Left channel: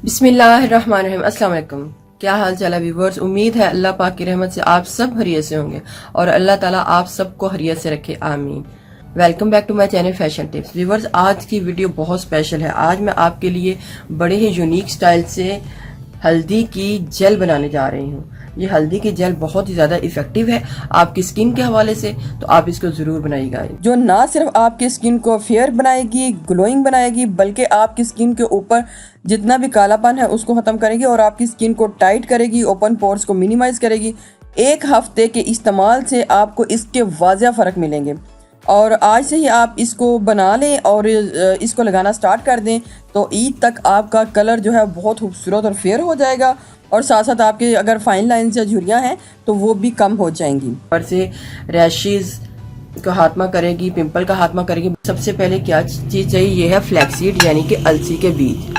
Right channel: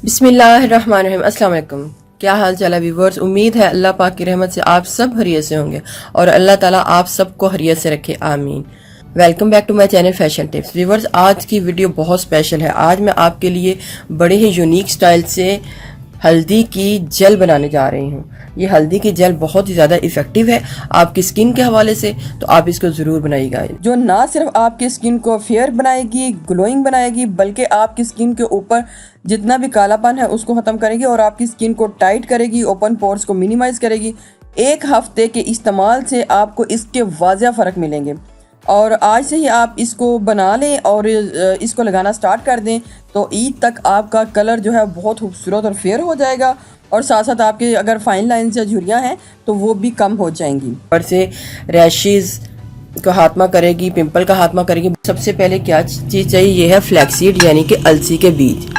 बिस्मिल्लाहिर्रहमानिर्रहीम। अस्सलाम वालेकुम। क्या हाल चाल है व्यूवर्स। उम्मीद है अल्लाह पाक की रहमत से आप सब खैरियत से होंगे और अल्लाह ताला आप सबको खैरियत से रखे, आमीन। Welcome back to my channel fashion tips. Viewers, आज की वीडियो बहुत स्पेशल है। आज मैं आपके लिए बड़े ही यूनिक स्टाइल से हल्दी की जेल बनाने जा रही हूँ। ये हल्दी की जेल बहुत ही ज़्यादा इफेक्टिव है आपकी स्किन के हवाले से, तो आप इसको ज़रूर बनाइएगा। जो ना सिर्फ आपकी स्किन को फेयर बनाएगी, ग्लोइंग बनाएगी, बल्कि आपकी स्किन के ऊपर जितना भी कालापन है उसको ख़त्म करेगी और आपकी स्किन को टाइट करेगी, ओपन पोर्स को मिनिमाइज करेगी। एक हफ्ते के इस्तेमाल से आपको इसके वाज़िया फ़र्क मिलेंगे और आज से ही आप इसको बना लें और इसको लगाना स्टार्ट कर दें तो ईद तक आपका कलर जो है बहुत खूबसूरत और फेयर हो जाएगा और साथ साथ आपके अगर फाइन लाइन्स या झुर्रियाँ हैं तो वो भी कम हो जाएंगी। और से रैशेज़ का खात्मा करेगी, पिंपल का खात्मा करेगी। सबसे पहले क्या चीज़ चाहिए, ये है फ्लैक्सीड यानी कि अलसी के बीज।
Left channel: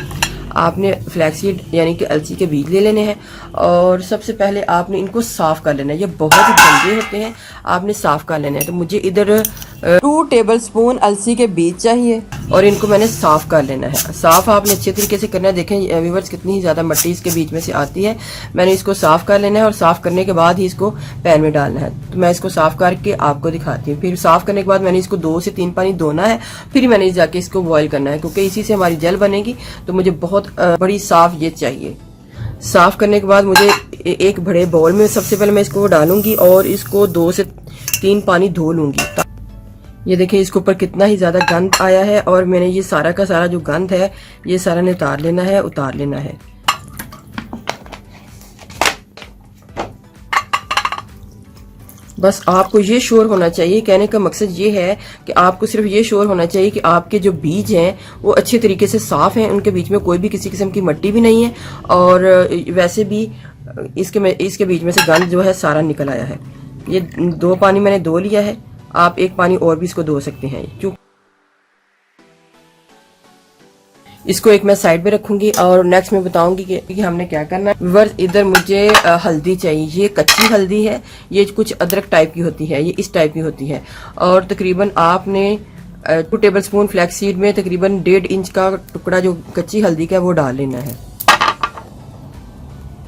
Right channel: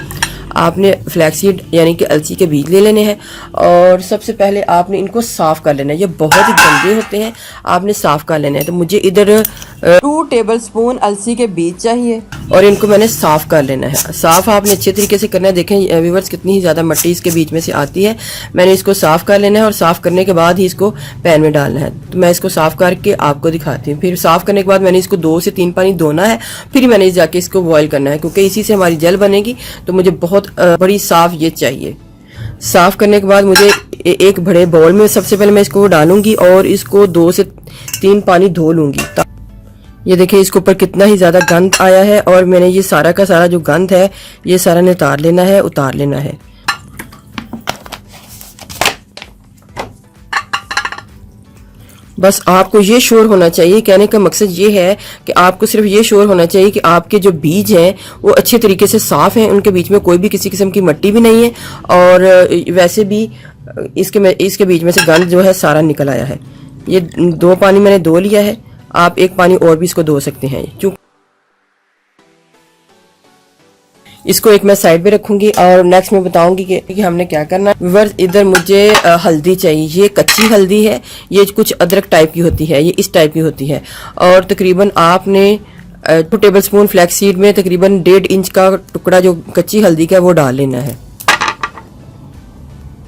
आपने फ्लैक्सीड यानी कि अलसी के बीज ले लेने हैं और सबसे पहले आपने इनको साफ़ कर लेना है। ये बहुत ही गंदे होते हैं, आपने साफ़ कर लेना है। तो मुझे इधर 2 टेबलस्पून अलसी के बीज चाहिए और इनको मैंने साफ़ कर लेना है। साफ़ आपने अच्छे तरीके से करना है। देखें व्यूअर्स, कितनी ही ज़्यादा मिट्टी इसके बीच में से आती है। मैंने इसको साफ़ कर लेना है और साफ़ करने के बाद ही इसको पैन में डालना है। तो मैं इसको साफ़ करके आपको दिखाती हूँ। फिर साफ़ करने के बाद मैंने इसको 2 से 3 पानी धोना है, फिर मैंने जाके इसको बॉयल करना है क्योंकि इसी से हमारी जेल बनेगी। तो मुझे बहुत बड़ी साफ़ ये चाहिए। साफ़ करने के बाद मुझे एक बड़े बाउल में सबसे पहले मैं इसको डालूंगी और इसको 2 से 3 पानी धो लूँगी। ये देखिए इसके ऊपर कितना ही ज़्यादा गंद आया है और मैंने ये सारा का सारा जो गंद है ये सारा ने उतार लेना है। बस आपको ये श्योर होना चाहिए, कहने का मकसद ये है कि आपको सिर्फ ये श्योर होना चाहिए कि आपके जो बीज हैं वो अच्छे तरीके से साफ़ हैं, उनके बीच में कोई भी किसी किस्म की मिट्टी भी नहीं है और वैसे भी इसके बीच में से गंद जो है सारा निकल आया है। ये 2 पानी मैंने धो लिया है, आप 1 पानी और भी इसको धो सकते हैं। क्यों इसको एक मैं साइड पे रखूंगी और नेक्स्ट मैं बताऊंगी कि हमने क्या करना है। व्यूअर्स, इधर मुझे हल्दी चाहिए। ये कच्ची हल्दी है, ये कुछ अदरक टाइप की होती है, ये इस टाइप की होती है और तकरीबन आपने 2 टेबलस्पून फ्लैक्सीड में तकरीबन 1.5 इंच का टुकड़ा जो कच्ची हल्दी का वो डाल लेना है।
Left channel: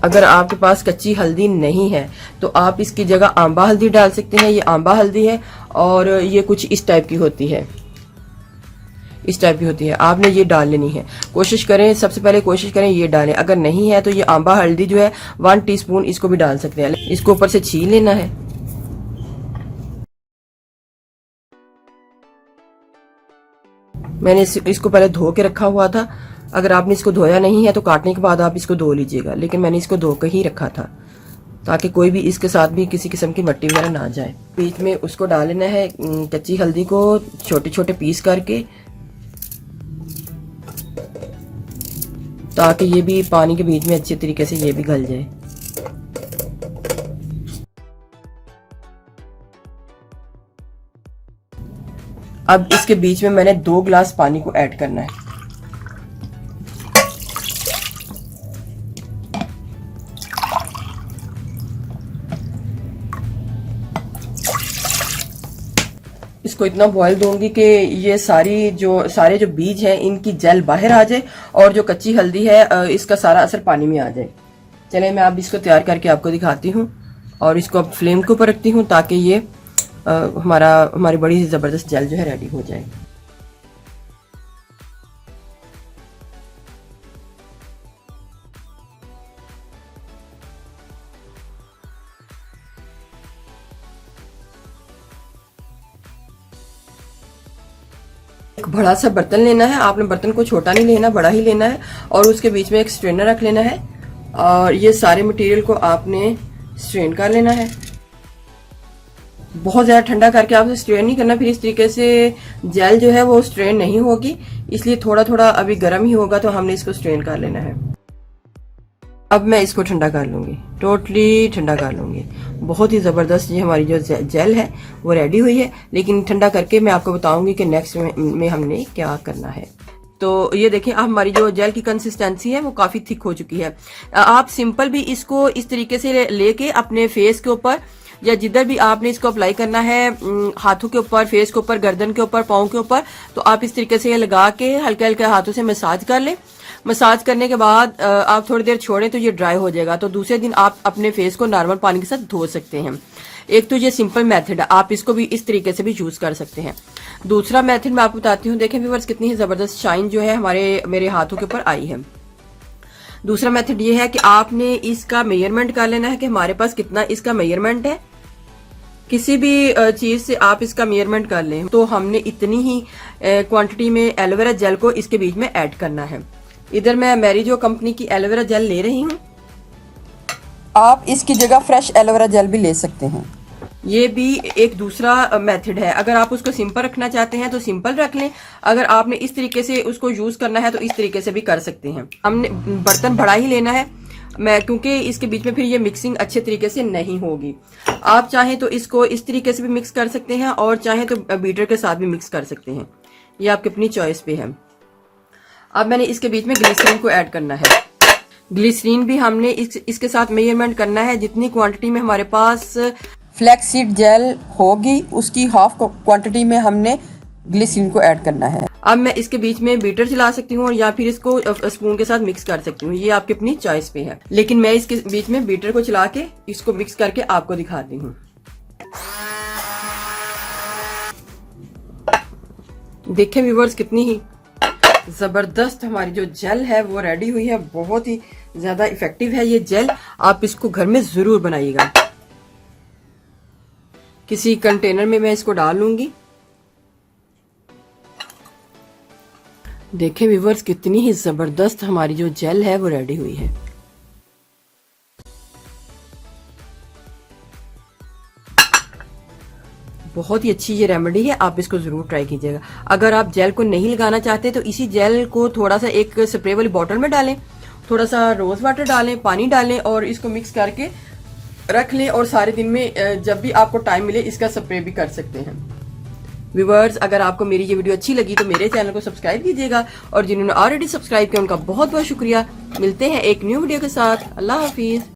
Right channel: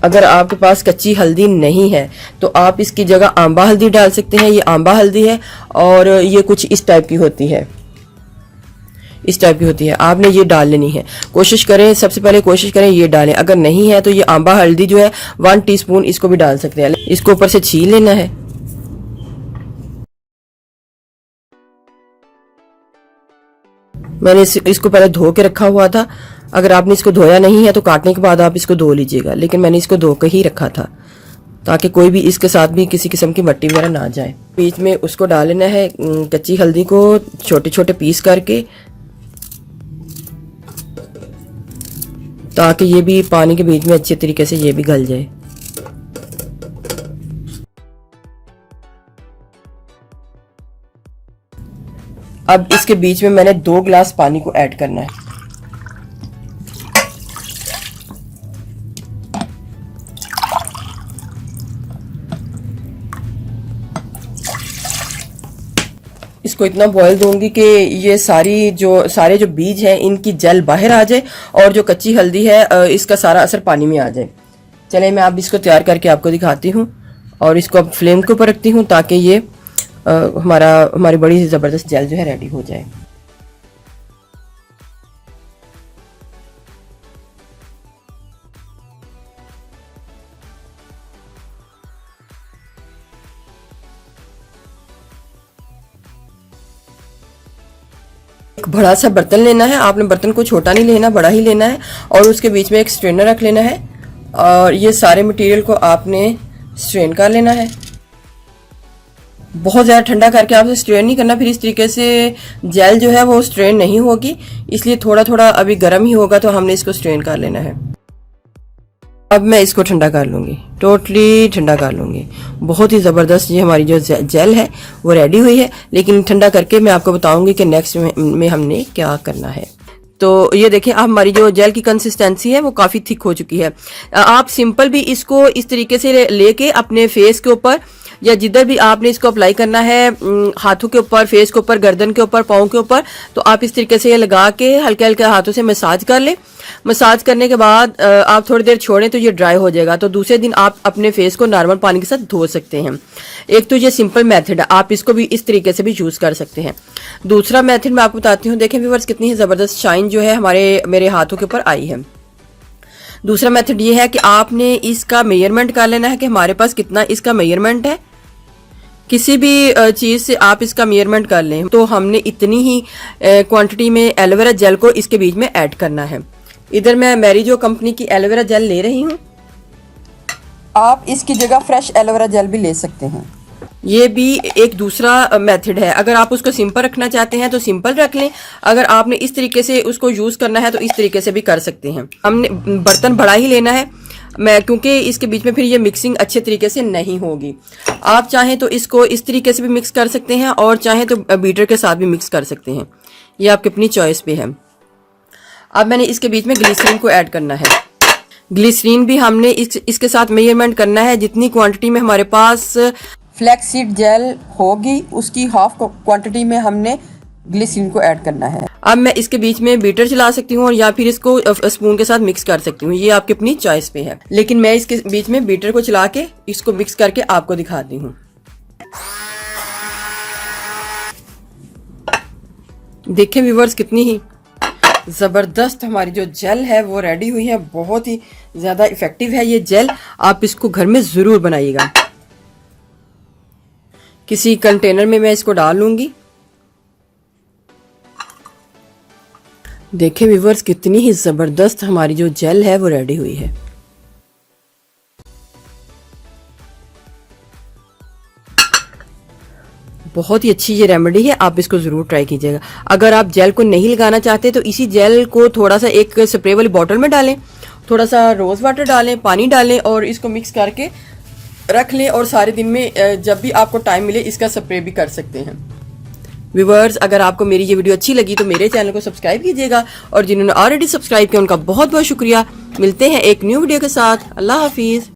अगर आपके पास कच्ची हल्दी नहीं है तो आप इसकी जगह आंबा हल्दी डाल सकते हैं। ये आंबा हल्दी है और ये कुछ इस टाइप की होती है, आपने ये डाल लेनी है। कोशिश करें, सबसे पहले कोशिश करें ये डालें। अगर नहीं है तो ये आंबा हल्दी जो है 1 टीस्पून इसको भी डाल सकते हैं। इसको ऊपर से छील लेना है। मैंने इसको पहले धो के रखा हुआ था। अगर आपने इसको धोया नहीं है तो काटने के बाद आप इसको धो लीजिएगा, लेकिन मैंने इसको धो के ही रखा था ताकि कोई भी इसके साथ भी किसी किस्म की मिट्टी वगैरह ना जाए। बीच में उसको डाल लेना है कच्ची हल्दी को छोटे छोटे पीस करके, ताकि ये भी पानी के बीच में अच्छे तरीके से ये भी गल जाए। अब इसके बीच में मैंने 2 गिलास पानी को ऐड करना है। इसको इतना बॉयल दूंगी कि ये सारे जो बीज हैं इनकी जेल बाहर आ जाए और जो कच्ची हल्दी है इसका सारा असर पानी में आ जाए। चलिए मैं अब इसको तैयार करके आपको दिखाती हूँ और इसको अब फ्लेम के ऊपर रखती हूँ ताकि ये हमारी बड़ी ज़बरदस्त जेल जो है रेडी हो जाए। एक बड़ा सा बर्तन लेना है आपने, बर्तन को छोटा नहीं लेना, बड़ा ही लेना है और उसके बीच में एक स्ट्रेनर रख लेना है और ये सारे मटेरियल को आपने स्ट्रेन कर लेना है। बहुत ज़्यादा ठंडा करके आपसे स्ट्रेन नहीं करना, फिर इस तरीके से जेल जो है वो स्ट्रेन नहीं होगी, इसलिए थोड़ा थोड़ा अभी गर्म ही होगा तो हमने इसको स्ट्रेन कर लेना है। अब मैं इसको ठंडा कर लूँगी, टोटली ठंडा कर लूँगी। बहुत ही ज़बरदस्त ये हमारी जो जेल है वो रेडी हुई है, लेकिन ठंडा करके मैं आपको बताऊँगी कि नेक्स्ट में हमने क्या करना है। तो ये देखिए अब हमारी जो जेल की कंसिस्टेंसी है वो काफ़ी थिक हो चुकी है। आप सिंपल भी इसको इस तरीके से लेके अपने फेस के ऊपर या जिधर भी आपने इसको अप्लाई करना है, हाथों के ऊपर, फेस के ऊपर, गर्दन के ऊपर, पाँव के ऊपर, तो आप इस तरीके से ये लगा के हल्के हल्के हाथों से मसाज कर लें। मसाज करने के बाद आप थोड़ी देर छोड़ें तो ये ड्राई हो जाएगा। तो दूसरे दिन आप अपने फेस को नॉर्मल पानी के साथ धो सकते हैं। एक तो ये सिंपल मेथड है, आप इसको भी इस तरीके से भी यूज कर सकते हैं। दूसरा मेथड मैं आपको बताती हूँ। देखें व्यूअर्स, कितनी ही जबरदस्त शाइन जो है मेरे हाथों के ऊपर आई है। दूसरा मेथड ये है कि आपने इसका मेजरमेंट कर लेना है कि हमारे पास कितना इसका मेजरमेंट है। किसी भी चीज से आप इसका मेजरमेंट कर लें तो हमने इतनी ही क्वांटिटी में एलोवेरा जेल को इसके बीच में ऐड करना है। इधर मैं मैरिजो कंपनी की एलोवेरा जेल ले रही हूँ। आप इसकी जगह फ्रेश एलोवेरा जेल भी ले सकते हैं। ये भी एक दूसरा मेथड है। अगर आप उसको सिंपल रखना चाहते हैं तो सिंपल रख लें। अगर आपने इस तरीके से उसको यूज करना है तो इस तरीके से भी कर सकते हैं। हमने बर्तन बड़ा ही लेना है क्योंकि इसके बीच में फिर ये मिक्सिंग अच्छे तरीके से नहीं होगी। आप चाहें तो इसको इस तरीके से भी मिक्स कर सकते हैं और चाहें तो बीटर के साथ भी मिक्स कर सकते हैं। ये आपकी अपनी चॉइस पे है। अब मैंने इसके बीच में ग्लिसरीन को ऐड करना है। ग्लिसरीन भी हमने इसके साथ मेजरमेंट करना है। जितनी क्वांटिटी में हमारे पास फ्लैक्सीड जेल होगी उसकी हाफ क्वांटिटी में हमने ग्लिसरीन को ऐड करना है। अब मैं इसके बीच में बीटर चला सकती हूँ और या फिर इसको स्पून के साथ मिक्स कर सकती हूँ। ये आपकी अपनी चॉइस पे है, लेकिन मैं इसके बीच में बीटर को चला के इसको मिक्स करके आपको दिखाती हूँ। देखें व्यूअर्स, कितनी ही जबरदस्त हमारी जो जेल है वो रेडी हुई है। बहुत ही ज्यादा इफेक्टिव है ये जेल। आप इसको घर में जरूर बनाइएगा। किसी कंटेनर में मैं इसको डाल लूंगी। देखें व्यूअर्स, कितनी ही जबरदस्त हमारी जो जेल है वो रेडी हुई है। बहुत ही अच्छी ये रेमेडी है, आप इसको जरूर ट्राई कीजिएगा। अगर आप जेल को नहीं लगाना चाहते तो इसी जेल को थोड़ा सा एक स्प्रे वाली बॉटल में डालें, थोड़ा सा रोज वाटर डालें, पानी डालें और इसको मिक्स करके रख लें और सारे दिन में जब भी आपको टाइम मिले इसका स्प्रे भी कर सकते हैं। व्यूअर्स, अगर आपको मेरी ये वीडियो अच्छी लगी तो मेरे चैनल को सब्सक्राइब कीजिएगा और जिन्होंने ऑलरेडी सब्सक्राइब किया उनका बहुत बहुत शुक्रिया। मिलते हैं एक न्यू वीडियो के साथ। अल्लाह हाफिज।